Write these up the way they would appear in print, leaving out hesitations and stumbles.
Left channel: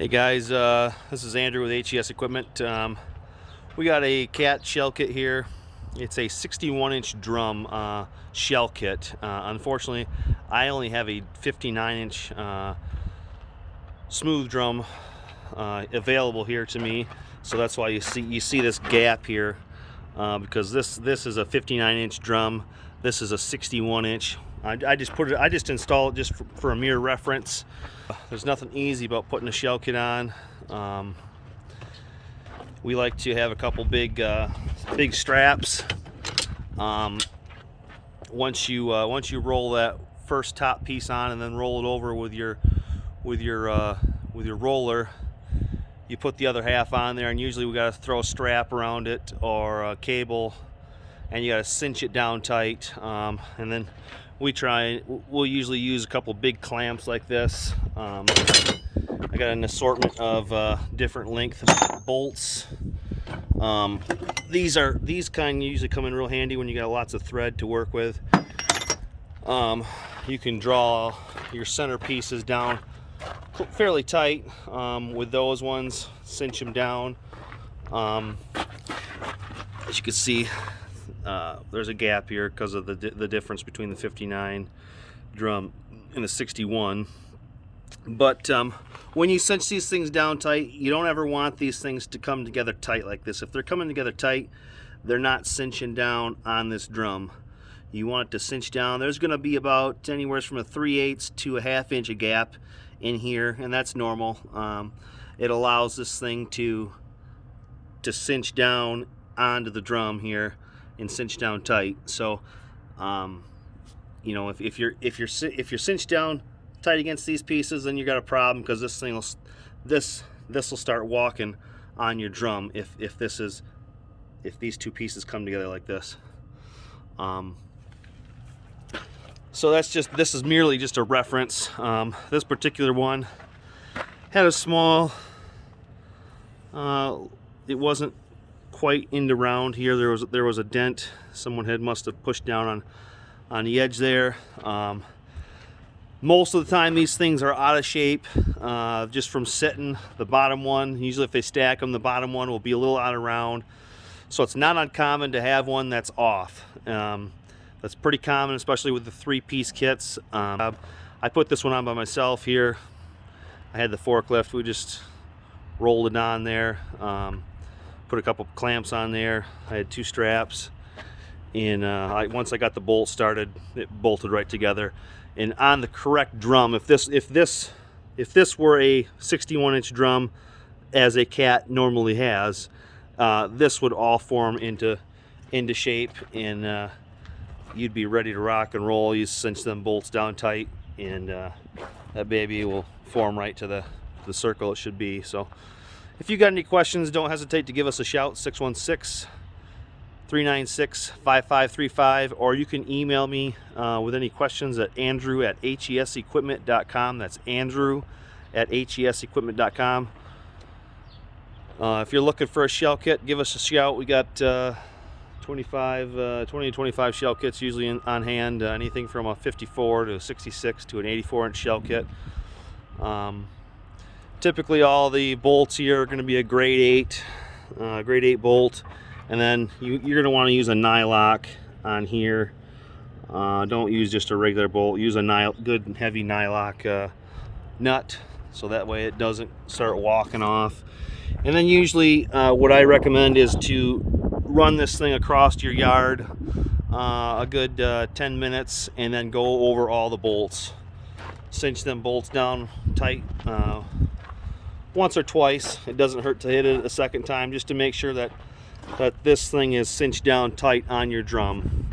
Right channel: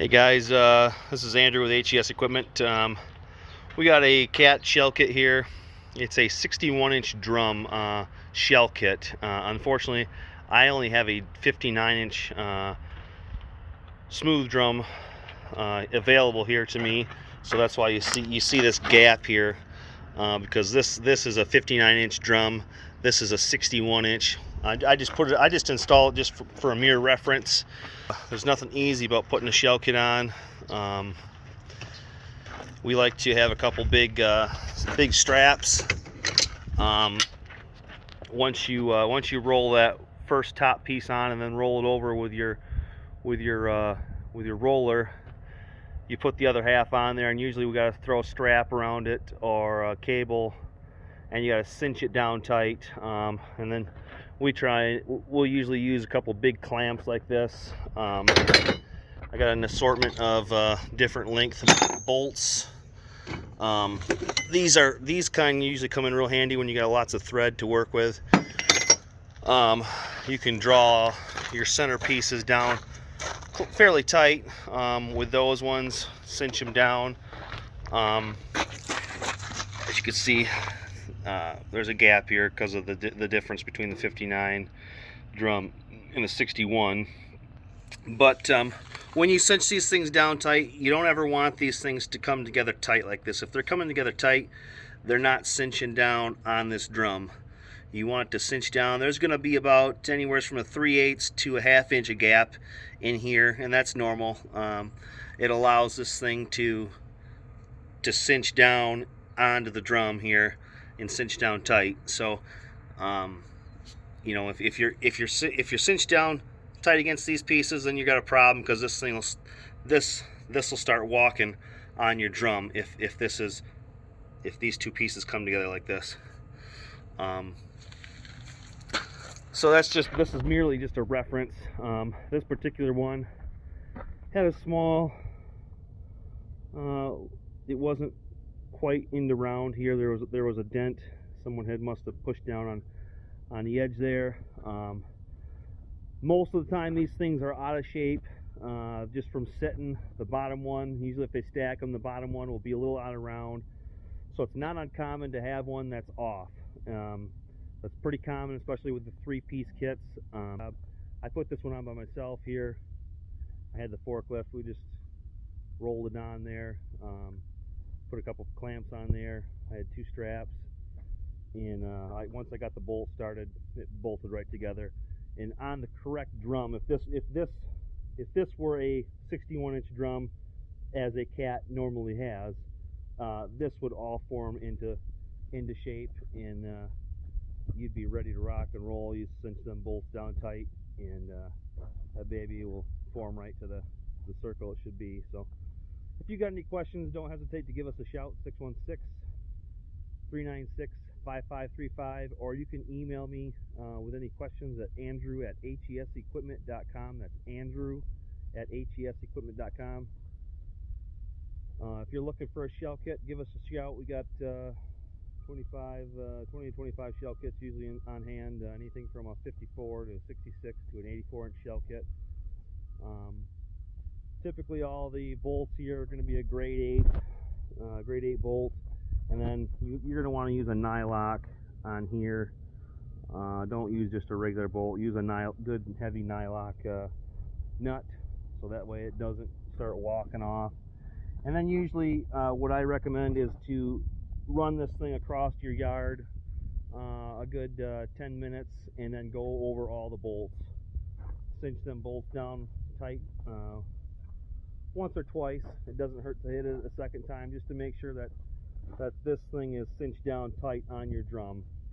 Hey guys, this is Andrew with HES Equipment. We got a cat shell kit here. It's a 61-inch drum shell kit. Unfortunately, I only have a 59-inch smooth drum available here to me, so that's why you see this gap here, because this is a 59-inch drum. This is a 61-inch. I just installed it just for a mere reference. There's nothing easy about putting a shell kit on. We like to have a couple big straps. Once you roll that first top piece on and then roll it over with your roller, you put the other half on there, and usually we got to throw a strap around it or a cable, and you got to cinch it down tight. And then we'll usually use a couple big clamps like this. I got an assortment of different length bolts. These kind usually come in real handy when you got lots of thread to work with. You can draw your center pieces down fairly tight with those ones, cinch them down. As you can see, there's a gap here because of the difference between the 59 drum and the 61. But when you cinch these things down tight, you don't ever want these things to come together tight like this. If they're coming together tight, they're not cinching down on this drum. You want it to cinch down. There's going to be about anywhere from a 3/8 to a 1/2 inch of gap in here, and that's normal. It allows this thing to cinch down onto the drum here and cinch down tight. So you know, if you're cinched down tight against these pieces, then you got a problem, because this will start walking on your drum if these two pieces come together like this. So this is merely just a reference. This particular one had a small, it wasn't quite into round here. There was a dent. Someone must have pushed down on the edge there. Most of the time these things are out of shape just from sitting. The bottom one, usually if they stack them, the bottom one will be a little out of round. So it's not uncommon to have one that's off. That's pretty common, especially with the 3-piece kits. I put this one on by myself here. I had the forklift. We just rolled it on there, put a couple clamps on there. I had 2 straps, and once I got the bolt started, it bolted right together. And on the correct drum, if this were a 61-inch drum, as a cat normally has, this would all form into shape, and you'd be ready to rock and roll. You cinch them bolts down tight, and that baby will form right to the circle it should be. So if you got any questions, don't hesitate to give us a shout, 616-396-5535, or you can email me with any questions at andrew@hesequipment.com. That's andrew@hesequipment.com. If you're looking for a shell kit, give us a shout. We got 20 to 25 shell kits usually on hand, anything from a 54 to a 66 to an 84-inch shell kit. Typically all the bolts here are going to be a grade 8 bolt, and then you're going to want to use a nylock on here. Don't use just a regular bolt. Use a good heavy nylock nut, so that way it doesn't start walking off. And then usually what I recommend is to run this thing across your yard a good 10 minutes, and then go over all the bolts. Cinch them bolts down tight once or twice. It doesn't hurt to hit it a second time, just to make sure that this thing is cinched down tight on your drum.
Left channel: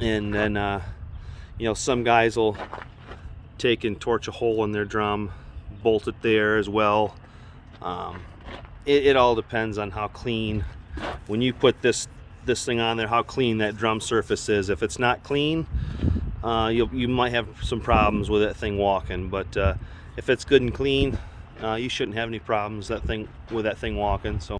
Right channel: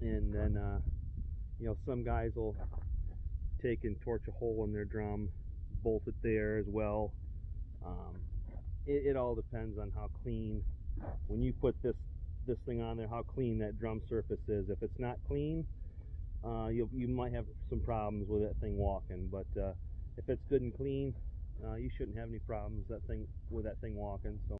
And then you know, some guys will take and torch a hole in their drum, bolt it there as well. It all depends on how clean, when you put this thing on there, how clean that drum surface is. If it's not clean, you might have some problems with that thing walking. But if it's good and clean, you shouldn't have any problems with that thing walking. So